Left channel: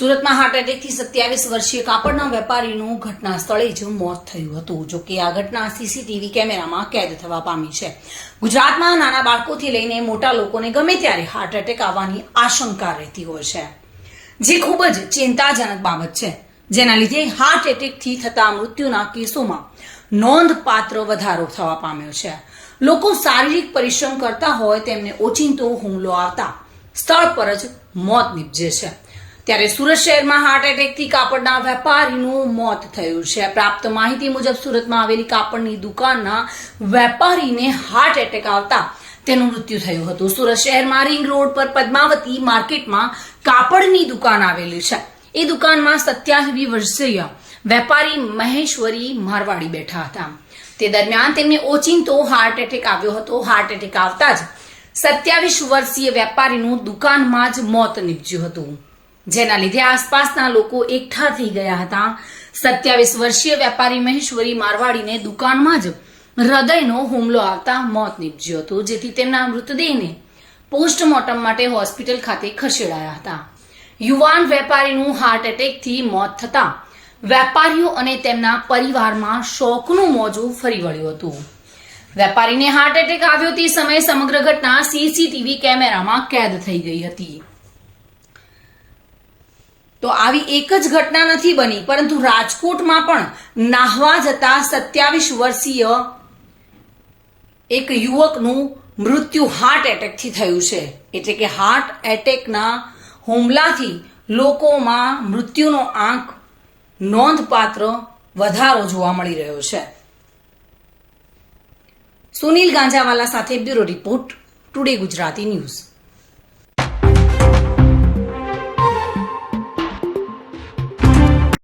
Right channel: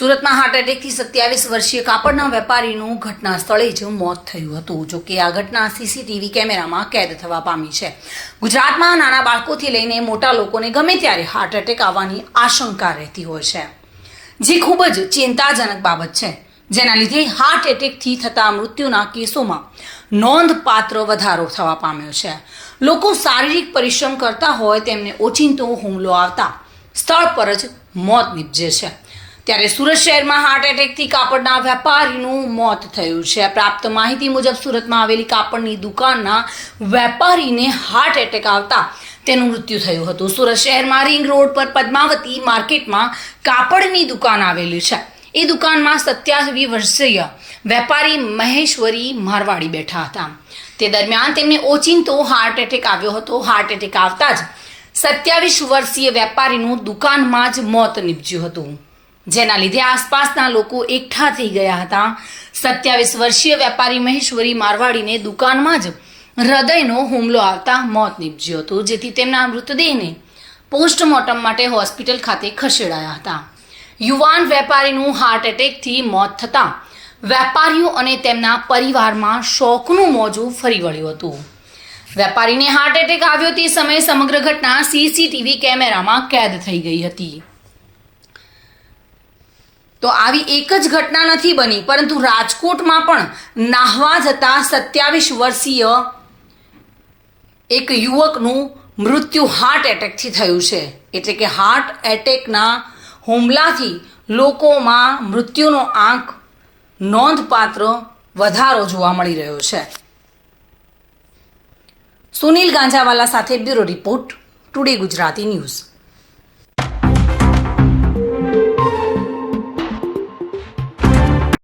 સુરતમાં હાર્ટ એટેકથી 27 વર્ષીય કાપડના વેપારીનું ઘટના સ્થળે જ મોત થયું હતું. જો કે આ ઘટના સીસીટીવી કેમેરામાં કેદ થવા પામી છે. ગુજરાતમાં નાના બાળકોથી લઈને મોટા લોકોને ગમે ત્યારે હાર્ટ એટેક આવવાની આશંકા રહેતી હોય છે, જે ખૂબ જ ચિંતાજનક બાબત છે, જેના લીધે હાર્ટ એટેકથી થતા મૃત્યુના કેસોમાં નોંધપાત્ર વધારો થવા પામ્યો છે. લોકો શારીરિક પરિશ્રમ કરતા હોય તેમને ઓચિંતો હુમલો આવતા સ્થળ પર જ મોત નીપજે છે. ત્યારે સુરત શહેરમાં હાર્ટ એટેકથી કાપડના વેપારીનું મોત થયું છે. પ્રાપ્ત માહિતી મુજબ સુરતમાં આવેલી કાપડની દુકાનના વેપારીને હાર્ટ એટેક આવતા તેનું મૃત્યુ થયું હતું. સુરત શહેરમાં રિંગ રોડ પર પદ્માવતી માર્કેટમાં કાપડની દુકાન આવેલી છે. એ દુકાનમાં 27 વર્ષીય વેપારી મહેશ્વરી મારવાડી બેઠા હતા. તે દરમિયાન તેમને ઓચિંતો હાર્ટ એટેક આવ્યો હતો. હાર્ટ એટેક આવતા જ 27 વર્ષીય વેપારીનું દુકાનમાં જ મોત નીપજ્યું હતું, જેના લીધે આસપાસના લોકો એકઠા થઈ ગયા હતા. 27 વર્ષીય વેપારી મહેશ્વરી મારવાડીને દુકાનમાં જ હૃદયનો હુમલો આવતા મોત નીપજ્યું હતું, જેથી તેમના મૃતદેહને પોસ્ટમોર્ટમ માટે હોસ્પિટલ ખાતે ખસેડાયા હતા. યુવાન વેપારીનું હાર્ટ એટેકથી મોત થતાં વેપારીઓ અને તેમના પરિવારમાં શોકનું મોજું ફરી વળ્યું હતું. વેપારીને હાર્ટ એટેક આવ્યો તે સમયે સમગ્ર ઘટના સીસીટીવી કેમેરામાં કેદ થઈ ગઈ હતી. તો આવી એક જ ઘટના નથી બની, પરંતુ રાજકોટમાં પણ નાહવા જતા 27 વર્ષીય એક યુવકનું મૃત્યુ હાર્ટ એટેકથી થયું છે. એટલે કે હાર્ટ એટેકના હુમલાથી લોકોમાં મૃત્યુનો આંક નોંધપાત્ર વધારો જોવા મળી રહ્યો છે. સુનિલ ગાંજાવાલા સાથે bureau report, today Gujarati news.